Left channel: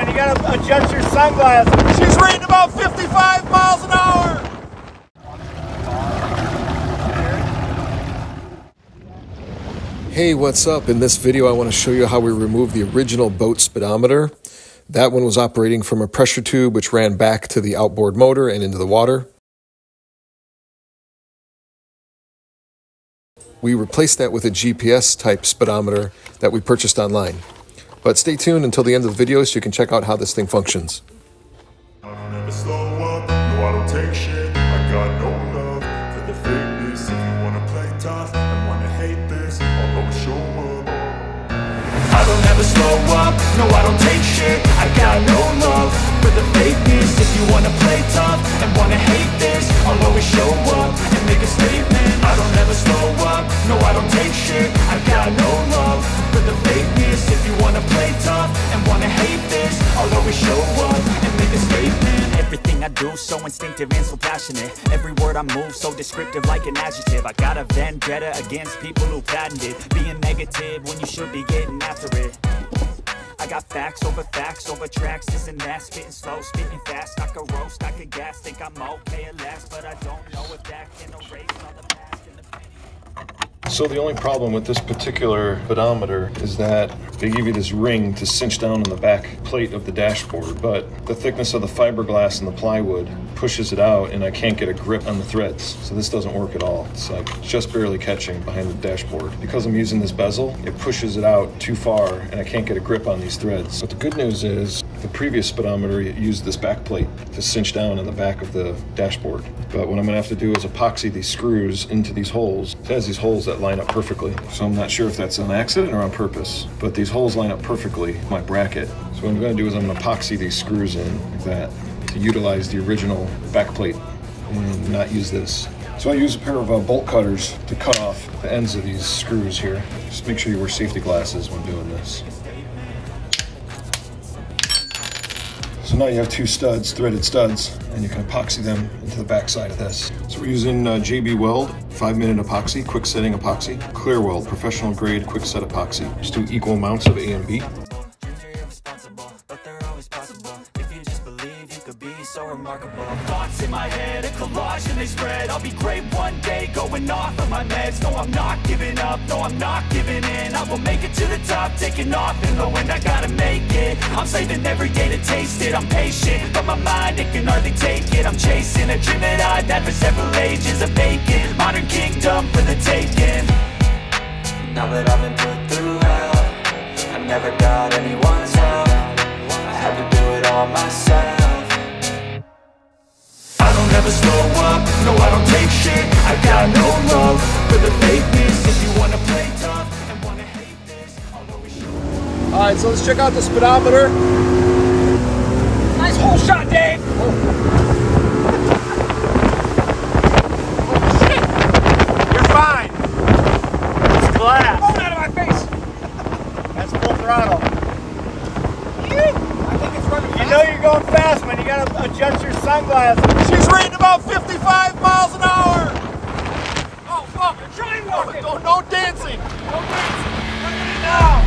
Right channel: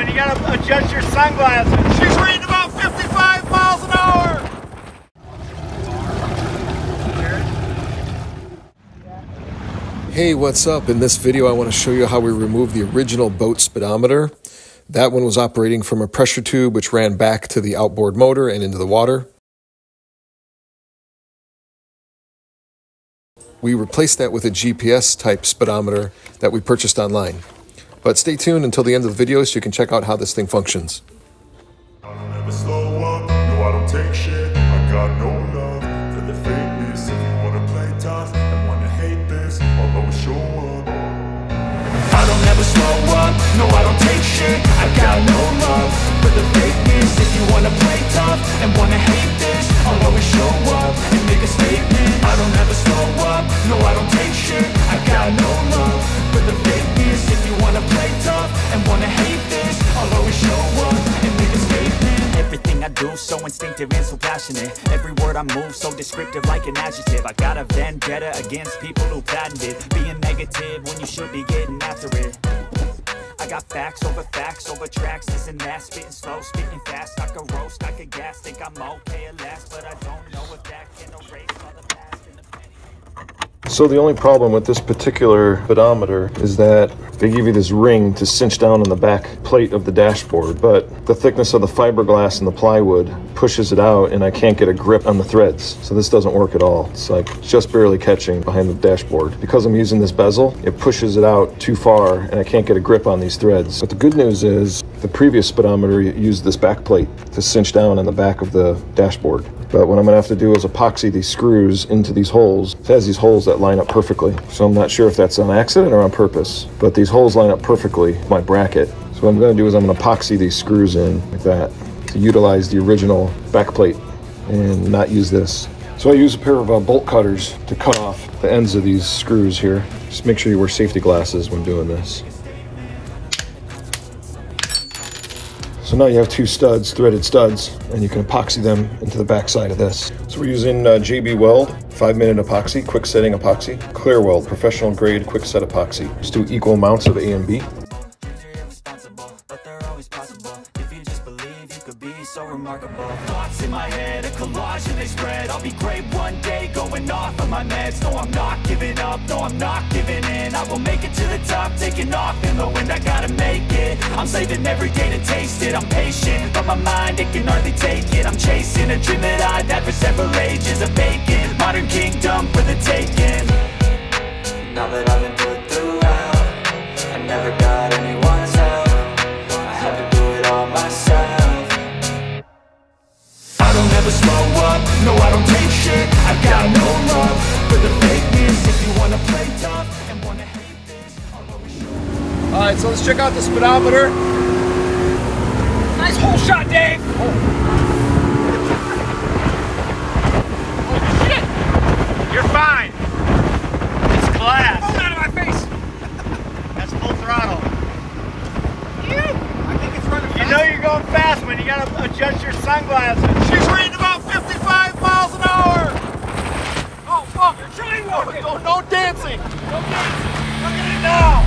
when you gotta adjust your sunglasses. She's rating about 55 miles an hour. Hey, what's up? In this video, I want to show you how we removed the original boat speedometer. That one was operating from a pressure tube which ran back to the outboard motor and into the water. We replaced that with a GPS type speedometer that we purchased online. But stay tuned until the end of the video so you can check out how this thing functions. I don't ever slow up, no I don't take shit. I got no love for the fakeness. If you wanna play tough and wanna hate this, I'll always show up. I don't ever slow up, no I don't take shit. I got no love for the fakeness. If you wanna play tough and wanna hate this, I'll always show up and make a statement. I don't ever slow up, no I don't take shit. I got no love for the fakeness. If you wanna play tough and wanna hate this, I'll always show up and make a statement. Everything I do so instinctive and so passionate. Every word I move so descriptive like an adjective. I got a vendetta against people who patented being negative when you should be getting after it. I got facts over tracks, this and that. Spitting slow, spitting fast. I could roast, I could gas. Think I'm okay at last, but I don't know if that can erase all the past and the So the only problem with this particular speedometer is that they give you this ring to cinch down on the back plate of the dashboard, but the thickness of the fiberglass and the plywood pushes it out and I can't get a grip on the threads. So this doesn't work at all. It's like just barely catching behind the dashboard. Because I'm using this bezel, it pushes it out too far and I can't get a grip on these threads. But the good news is the previous speedometer used this back plate to cinch down on the back of the dashboard. But what I'm gonna have to do is epoxy these screws into these holes. It has these holes that line up perfectly. So I'm not sure if that's on accident or on purpose, but these holes line up perfectly with my bracket. So what I'm gonna do is I'm gonna epoxy these screws in like that to utilize the original back plate and not use this. So I use a pair of bolt cutters to cut off the ends of these screws here. Just make sure you wear safety glasses when doing this. So now you have two studs, threaded studs, and you can epoxy them into the back side of this. So we're using JB Weld 5-minute epoxy, quick setting epoxy, Clear Weld, professional grade quick set epoxy. Just do equal amounts of A and B. so remarkable. Thoughts in my head, a collage and they spread. I'll be great one day, going off of my meds. No, I'm not giving up, no, I'm not giving in. I will make it to the top, taking off in the wind. I gotta make it, I'm saving every day to taste it. I'm patient, but my mind, it can hardly take it. I'm chasing a dream that I've had for several ages. A vacant, modern kingdom for the taking. Now that I've been put through hell, I never got anyone's help. I had to do it all myself. I don't ever slow up, no I don't take shit. I got no love for the fakeness. If you wanna play tough and wanna hate this, I'll always show you. Alright, so let's check out the speedometer. Nice hole shot, Dave! Oh shit! You're fine. It's glass. Oh, out of my face! That's full throttle. I think it's ready. You know you're going fast when you gotta adjust your sunglasses. She's rating about 55 miles an hour! Oh fuck, you're trying to no dancing! Look at it now!